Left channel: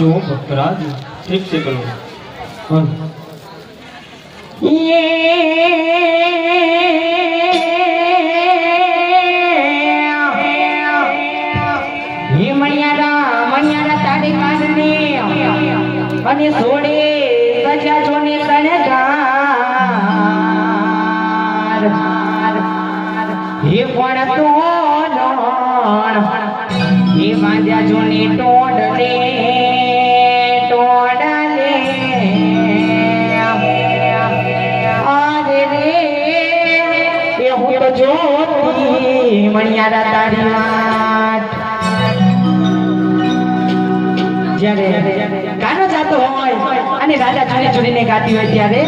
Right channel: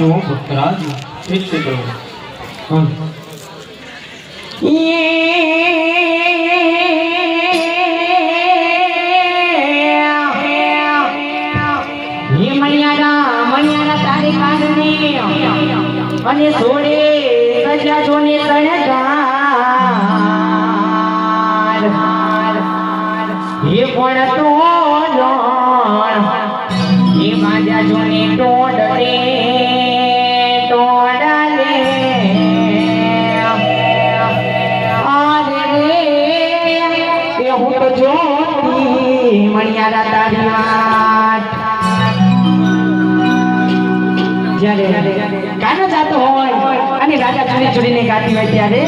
જો ભક્તરાજ ઠીક છે કરો તારી કારણે અને છોડે સજા જોને શણગાર હે પણ તો હે માજા જોને તોડલે તોડલે અરે રે એ હું તો જોતી મણિયારા તારી વાત જ્યારે ગાનો જાતો હોય અને રાજા ખાલી જોડીને ગાતી હોય ત્યારે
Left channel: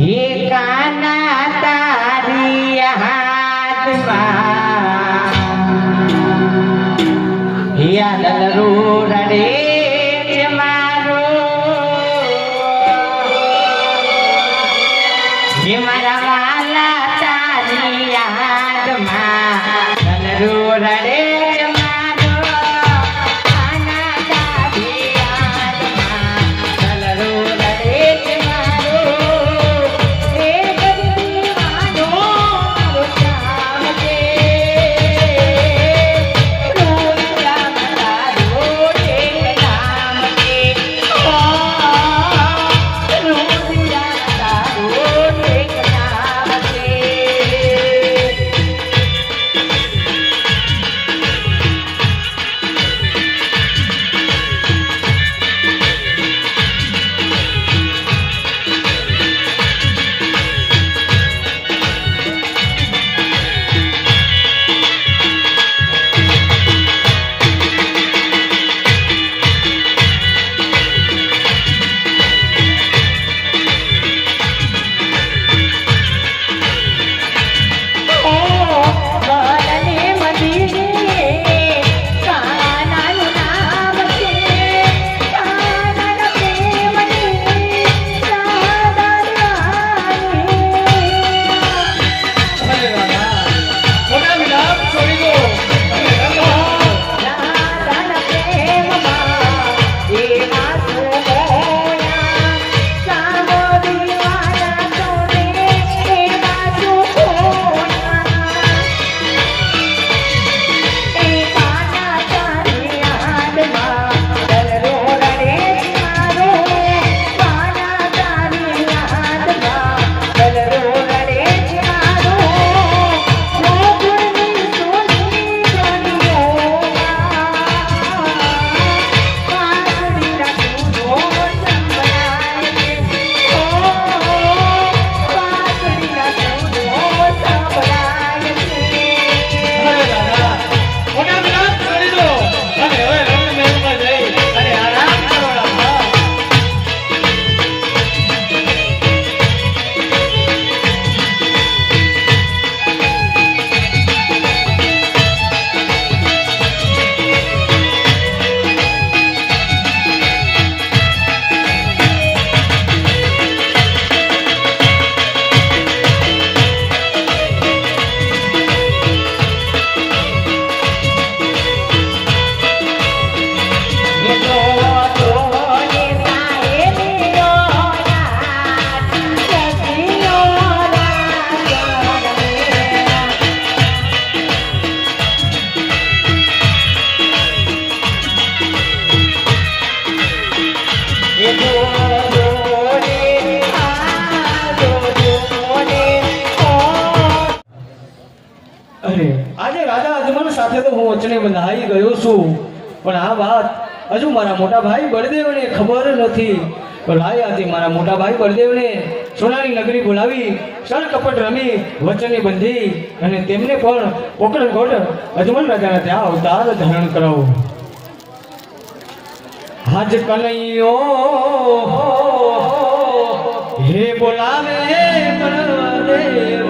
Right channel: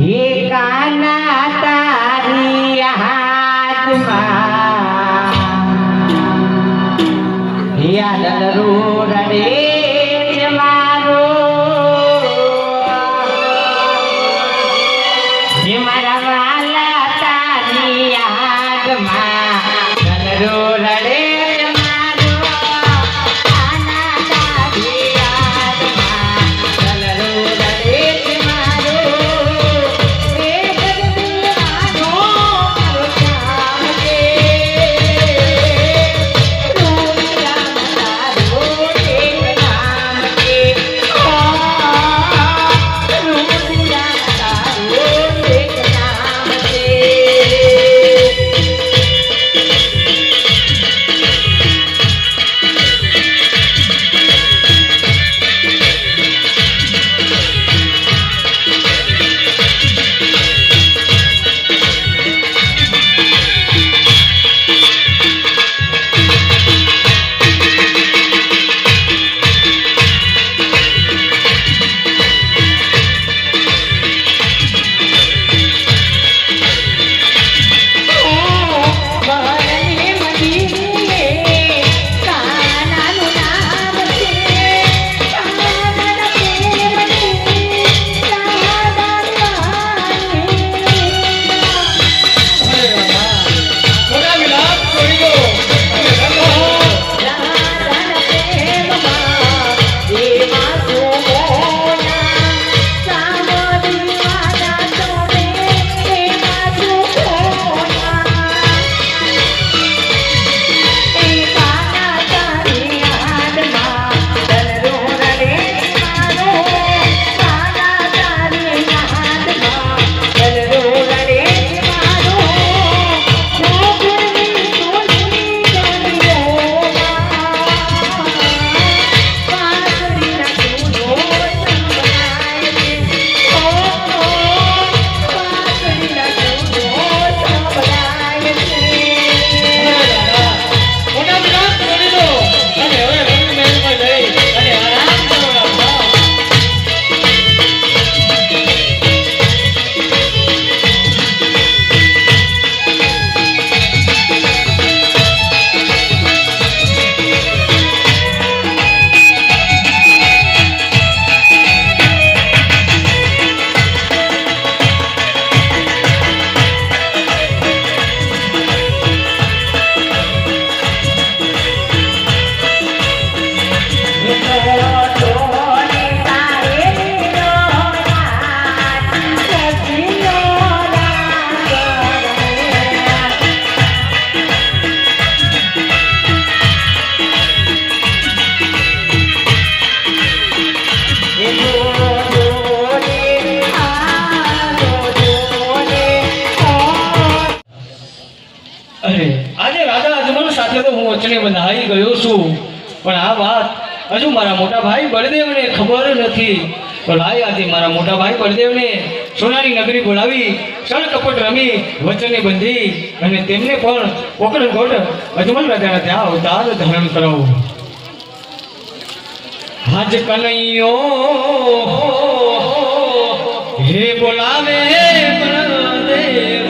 હે કાના તારી હાથમાં યાદ રડે મારો હે મારા વાલા તારી યાદમાં રડે આજે રાજા અજમલ સાથે તો હું વચને બંધાઈ ગયો છું, પણ આ વાત હજુ મારા મોટા ભાઈ બળદેવને ખબર નથી. તો લાય આજે મારા મોટા ભાઈ બળદેવને સોનાની નગરી બોલાવી સળ કપટ રમી વચને બંધી અને તેમને પણ પોકરણકોટ અજમલ રાજાના ત્યાં અવતાર ધારણ કરાવો. હાજ કનૈયો હે બોલાવે બળદેવ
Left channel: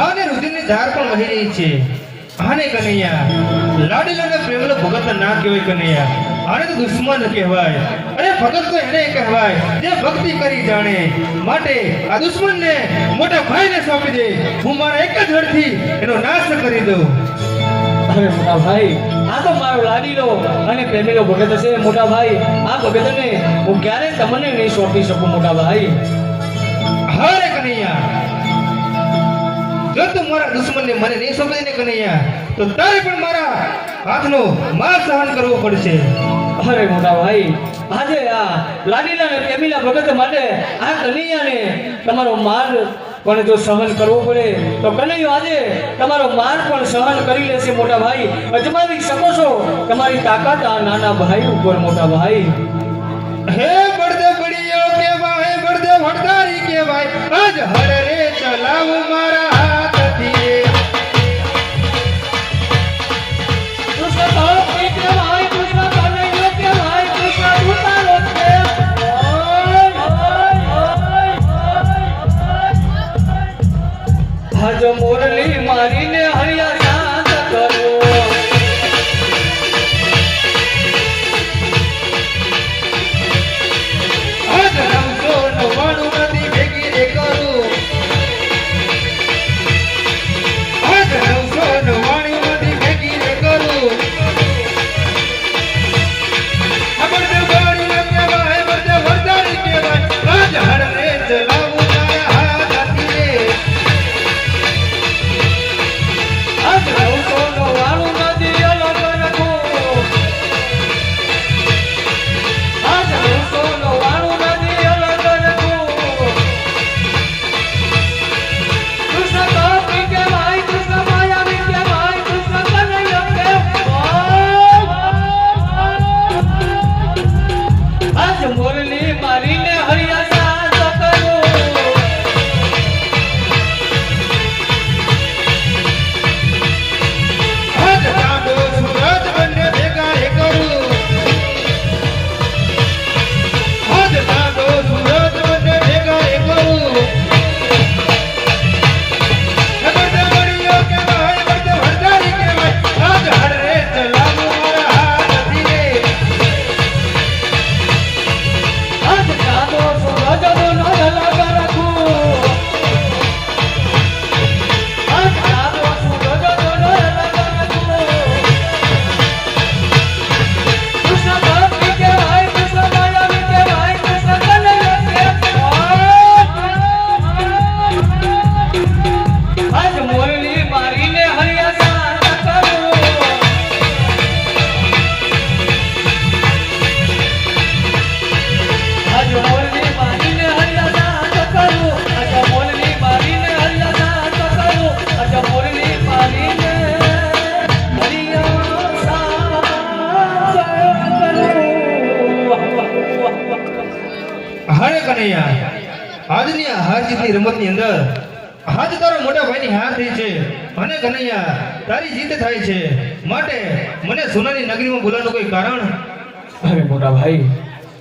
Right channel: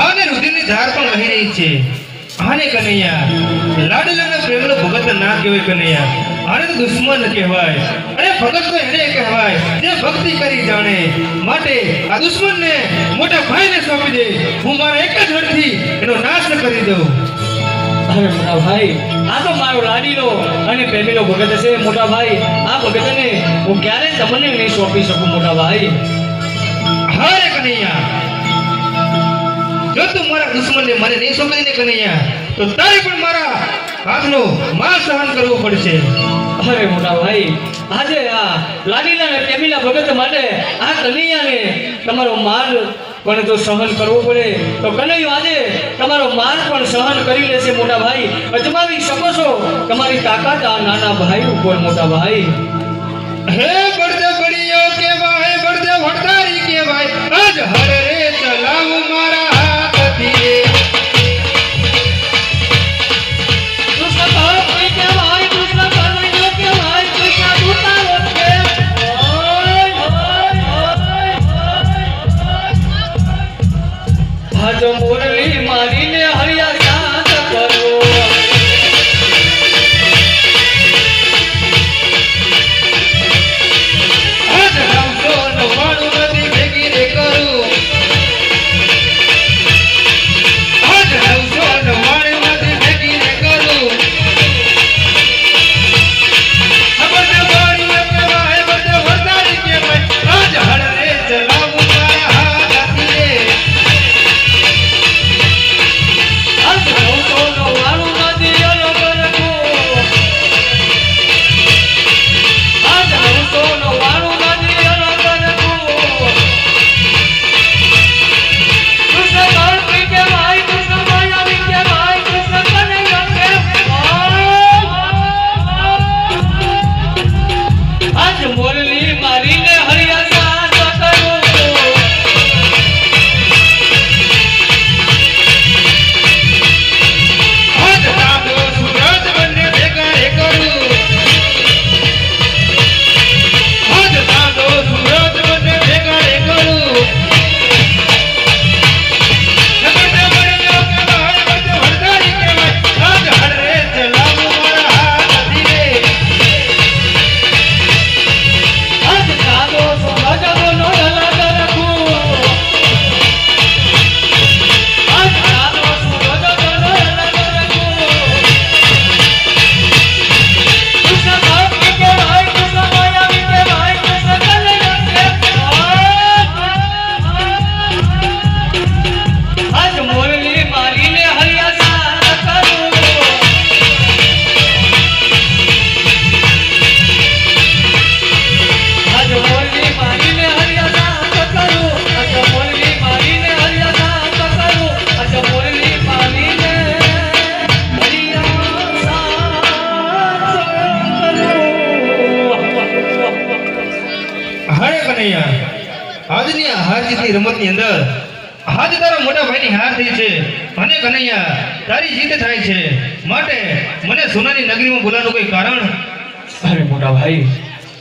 ભાવને રુધિરની ધાર પણ વહી રહી છે. આને કનૈયા લાડીલો ને પ્રેમનો ભગત ના કહેવાય કનૈયા, આને તો દુશ્મન કહેવાય. અરે ભગત તો એને કહેવાય જે ભક્તિ કરી જાણે. માટે આ દુશ્મનને મોટા ભાઈને સોંપી દે. હું મારા એક જ હાથથી એનો નાશ કરી દઉં. અરે મોટા ભાઈ, આ તો મારો લાડીલો અને પ્રેમીલો ભગત છે મોટા ભાઈ. આ ભગતને હું ક્યારે તમને નહીં સોંપી શકું મોટા ભાઈ. હારે કનૈયા, જો તું મારા દુશ્મનને મને નહીં સોંપી દે કનૈયા, તો તારે પણ મારા હાથનો માર સહન કરવો પડશે. અરે મોટા ભાઈ, આજે આ લાડીલા અને પ્રેમીલા ભગત માટે આ કનૈયાને તમારો માર પણ જો સહન કરવો પડે તો કનૈયો આજે તમારો માર પણ સહન કરી લેશે મોટા ભાઈ. અજમાવી શકો છો તમારી તાકાત આ નાના ભાઈ ઉપર મોટા ભાઈ. હે બળદેવ બળિયો કેવાય, બળદેવ હડતારી કેવાય, આજ હર રે ચલાવું મારા હાથથી. આજ મોરલી મારીને હરિયા શાંત કરો. આજ 999 નદી ભેગી રે કરું. આજ 999 નદી ભેગી રે કરું. બળદેવ બળિયો કેવાય, બળદેવ હડતારી કેવાય, આજ હર રે ચલાવું મારા હાથથી. આજ 999 નદી અલગ રાખો. આજ 999 નદી અલગ રાખો. કૃષ્ણ ગોપી કે ભાઈ, કૃષ્ણ ગોયાવી કે ભાઈ, કૃષ્ણ કનૈયા કે ભાઈ. આજ મોરલી મારીને હરિયા શાંત કરો. આજ ચાંદો સૂરજ બંને ભેગા રે કરું. આજ ચાંદો સૂરજ બંને ભેગા રે કરું. બળદેવ બળિયો કેવાય, બળદેવ હડતારી કેવાય, આજ હર રે ચલાવું મારા હાથથી. આજ ચાંદો સૂરજ બંને અલગ રાખું. આજ ચાંદો સૂરજ બંને અલગ રાખું. કૃષ્ણ ગોપી કે ભાઈ, કૃષ્ણ ગોયાવી કે ભાઈ, કૃષ્ણ કનૈયા કે ભાઈ. આજ મોરલી મારીને હરિયા શાંત કરો. આજ મોરલી મારીને હરિયા શાંત કરો. આજ મોરલી મારીને હરિયા શાંત કરો. આજ મોરલી મારીને હરિયા શાંત કરો. હારે કનૈયા, આજની આ હાર જીતની રમતની અંદર આજ તારા મોટા ભાઈની હાર થઈ છે અને કનૈયા તારી જીત થાય છે. માટે મને સોનાની નગરીમાં બોલાવવાનું કોઈ કારણ? અરે મોટા ભાઈ,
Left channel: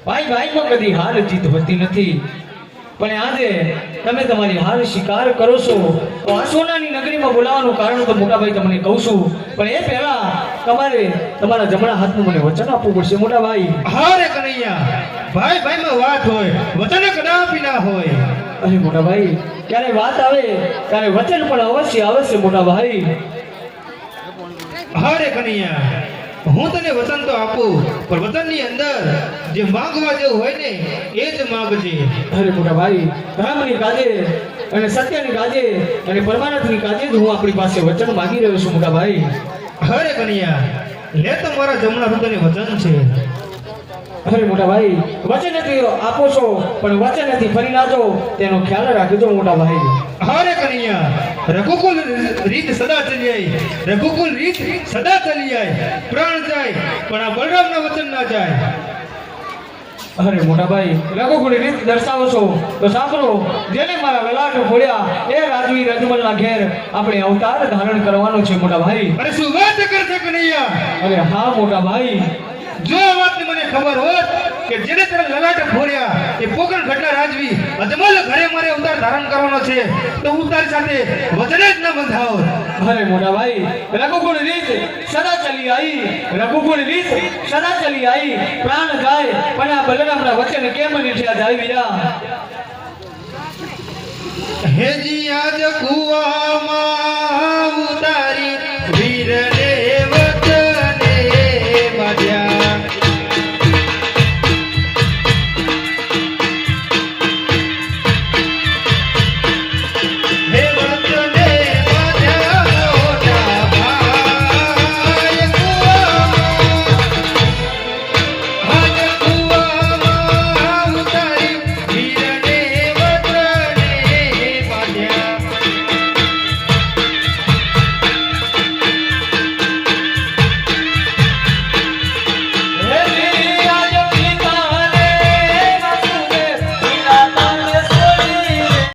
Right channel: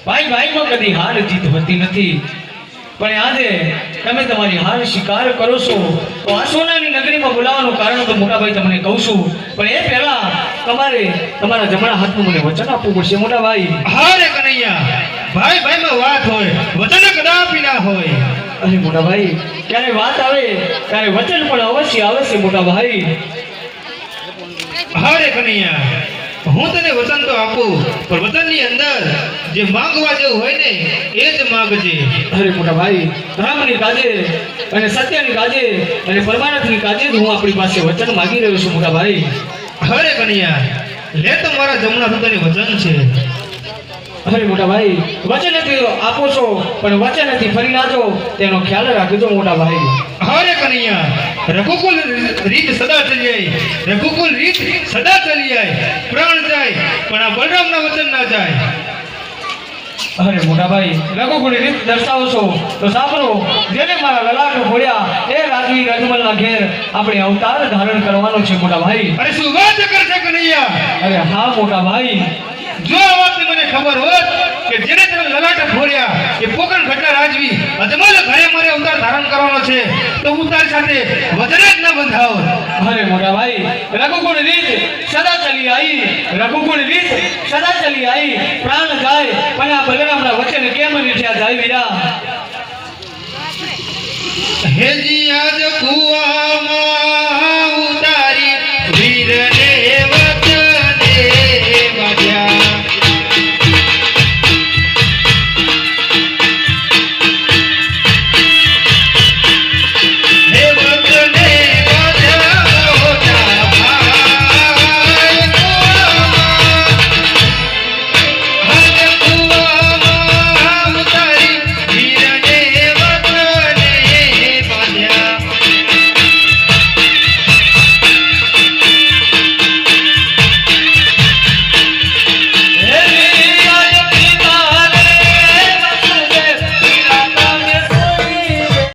ભાઈમાં કદી હાર જીત હોતી નથી. પણ આજે તમે તમારી હાર સ્વીકાર કરો છો તો આ સોનાની નગરીમાં બોલાવવાનું કારણ તો મોટા ભાઈ તમને કહું છું. પણ એ પહેલા તમારે તમારા જમણા હાથનું મને વચન આપવું પડશે મોટા ભાઈ. હારે કનૈયા, ભાઈમાં વાત હોય, વચન કદાપી ના હોય. અરે મોટા ભાઈ, ક્યારે વાત આવે ત્યારે વચન પણ અવશ્ય આવશે મોટા ભાઈ. હારે કનૈયા, હું તને વચન તો આપું, પણ વચનની અંદર જે માંગવા જેવું હોય ને એ જ માંગજે. અરે મોટા ભાઈ, ધર્મની કાજે અને સત્યની કાજે અને પરમાનંદની કાજે જ હું આપણી પાસે વચન માંગી રહ્યો છું મોટા ભાઈ. હારે કનૈયા, લે તો મારા જમણા હાથની વચન છે. અરે મોટા ભાઈ, વચનથી આપો છો પણ વચનથી ફરી ના જાઓ તેનો ખ્યાલ રાખજો મોટા ભાઈ. હારે કનૈયા, રઘુકુલ રીત સદા ચલી આય, રઘુકુલ રીત સદા ચલી આય. પ્રાણ જાય પણ આ બલરામના વચન ના જાય. અરે મોટા ભાઈ, રઘુકુળની રીત દર્શાવો છો તો સાંભળો. જેને મારા લલાટ ફોડ્યા એ રાજવી રજમલના ઘેર આપણે અવતાર ધારણ કરવાનો છે મોટા ભાઈ. અરે શું વાત કરશે કનૈયા? અરે હા મોટા ભાઈ, જો આ વાતની મને ખબર હોત કે જેને તને લલાટ ફોડ્યા એ પોકણ ઘટના રાજવી અજમલ ઘરે મારે અવતાર ધારણ કરવાનો છે તો હું તારી સાથે વચન જ ન બંધાવ. અરે મોટા ભાઈ રઘુકુળ રીત સદા ચલી આવી, રઘુકુળ રીત સદા ચલી આવી, પ્રાણ જાય પણ આ બલરામના વચન કેમ નીઠ્યા જાય વીરા. હેજી આજ કુવામાં